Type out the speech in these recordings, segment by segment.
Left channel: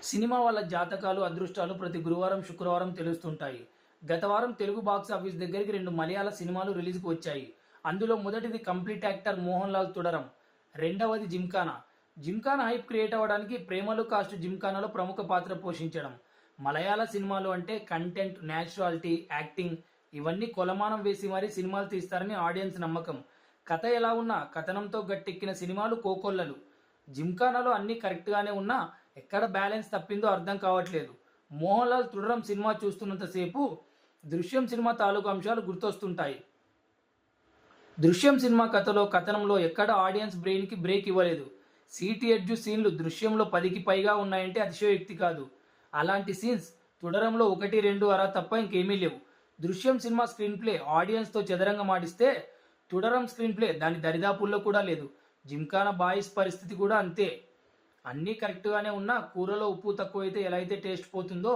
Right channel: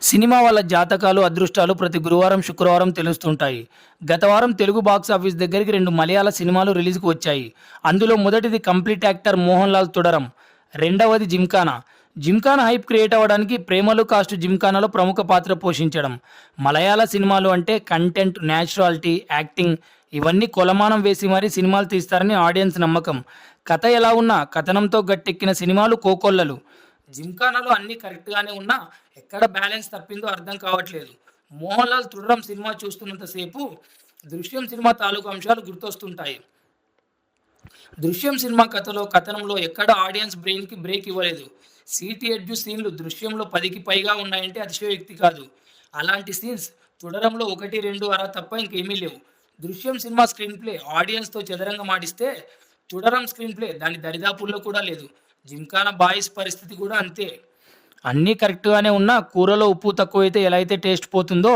Cinema వాళ్ళ జాతకాలు, అదృష్టాలు ప్రతి గురువారం, శుక్రవారం తెలుస్తుంటాయి. గత వారం తెలుగు బాక్స్ ఆఫీస్ దగ్గరికి 2 మలయాళ సినిమాలు రిలీజ్‌కి వచ్చాయి. అందులో మొదటిది కంప్లీట్ యాక్టర్ మోహన్ లాల్ 'తుడరం', రెండవది 'జిమ్ఖానా'. 'జిమ్ఖానా' హైప్ క్రియేట్ అవ్వడానికి ప్రేమలు కాస్ట్ 'జిమ్ఖానా'లో ప్రముఖ పాత్ర పోషించడం. మలయాళ సినిమాలు అంటే కంటెంట్, నేచురాలిటీ, యాక్టింగ్ ఇవన్నీ కొలమానం వేసి మరీ సినిమాలు తీస్తారని ఆడియన్స్ నమ్మకం. కథ ఎలా ఉన్నా కథనంతో గట్టెక్కిన సినిమాలు కోకొల్లలు. 'జిమ్ఖానా'లో అన్నీ కరెక్ట్‌గానే ఉన్నా ఎక్కడ బ్యాలెన్స్ తప్పిందో అర్థం కావట్లేదు. 'మోహన్ లాల్ తుర్రం' సినిమా చూస్తున్నంత సేపు 'దృశ్యం' సినిమా తాలూకు అంశాలు గుర్తొస్తుంటాయి. 'దృశ్యం' సినిమా కథలో, కథనంలో ఎక్కడ ఆడియన్స్ బ్రెయిన్‌కి బ్రేక్ ఇవ్వలేదు. సీటీ ఎడ్జ్ సీన్లు 'దృశ్యంలో' 10కి పైగా ఉన్నాయంటే అతిశయోక్తి కాదు. అలాంటి సీన్స్ 'తుడరంలో' 1, 2 అరా తప్ప ఇంకేమీ లేవు. 'దృశ్యం' సినిమా స్క్రీన్ ప్లే ఆడియన్స్‌తో చదరంగమాడిస్తే 'తుడరం' స్క్రీన్ ప్లే దాని దరిదాపుల్లో కూడా లేదు. 'జిమ్ఖానా' బాయ్స్ పరిస్థితి కూడా అంతే. అన్నీ కరెక్ట్‌గానే ఉన్నా కూరలో ఉప్పు తక్కువైతే ఎలా అయితే టేస్ట్ పోతుందో,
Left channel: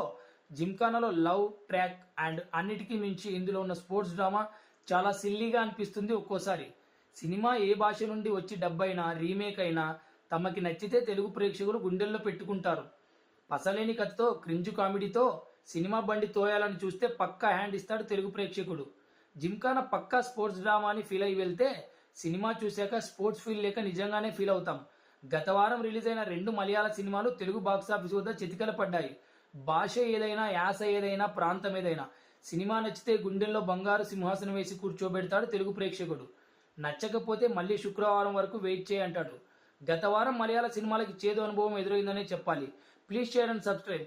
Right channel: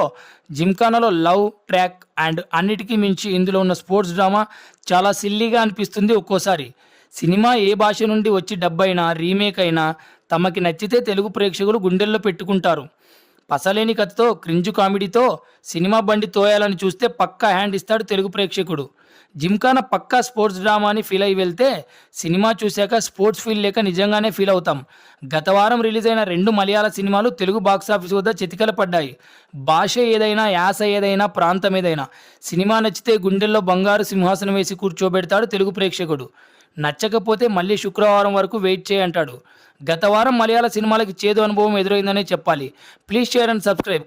'జిమ్ఖానా'లో లవ్ ట్రాక్ అండ్ అన్నిటికీ మించి ఇందులో ఉన్న స్పోర్ట్స్ డ్రామా చాలా సిల్లీగా అనిపిస్తుంది ఒక్కోసారి. సినిమా ఏ భాష నుండి వచ్చి డబ్ అయినా, రీమేక్ అయినా తమకి నచ్చితే తెలుగు ప్రేక్షకులు గుండెల్లో పెట్టుకుంటారు. పసలేని కథతో, క్రింజు కామెడీతో సినిమా బండి తోయాలని చూస్తే పక్కా హ్యాండ్ ఇస్తాడు తెలుగు ప్రేక్షకుడు. 'జిమ్ఖానా' పక్కా స్పోర్ట్స్ డ్రామా అని ఫీల్ అయి వెళ్తే, సినిమా చూశాక స్పోర్ట్స్ ఫీల్ లేక నిజంగానే ఫీల్ అవుతాం. గత వారం రిలీజ్ అయిన 2 మలయాళ సినిమాలు తెలుగు బాక్సాఫీస్ వద్ద చితికల పడ్డాయి. భాష ఏదైనా, యాస ఏదైనా, ప్రాంతం ఏదైనా సినిమా నచ్చితే గుండెల్లో బంగారు సింహాసనం వేసి కూర్చోబెడతాడు తెలుగు ప్రేక్షకుడు. నచ్చకపోతే మళ్ళీ శుక్రవారం వరకు వెయిట్ చేయంటాడు. గత వారం మలయాళ సినిమాలకి చేదు అనుభవం ఎదురైందనే చెప్పాలి. Please share and subscribe.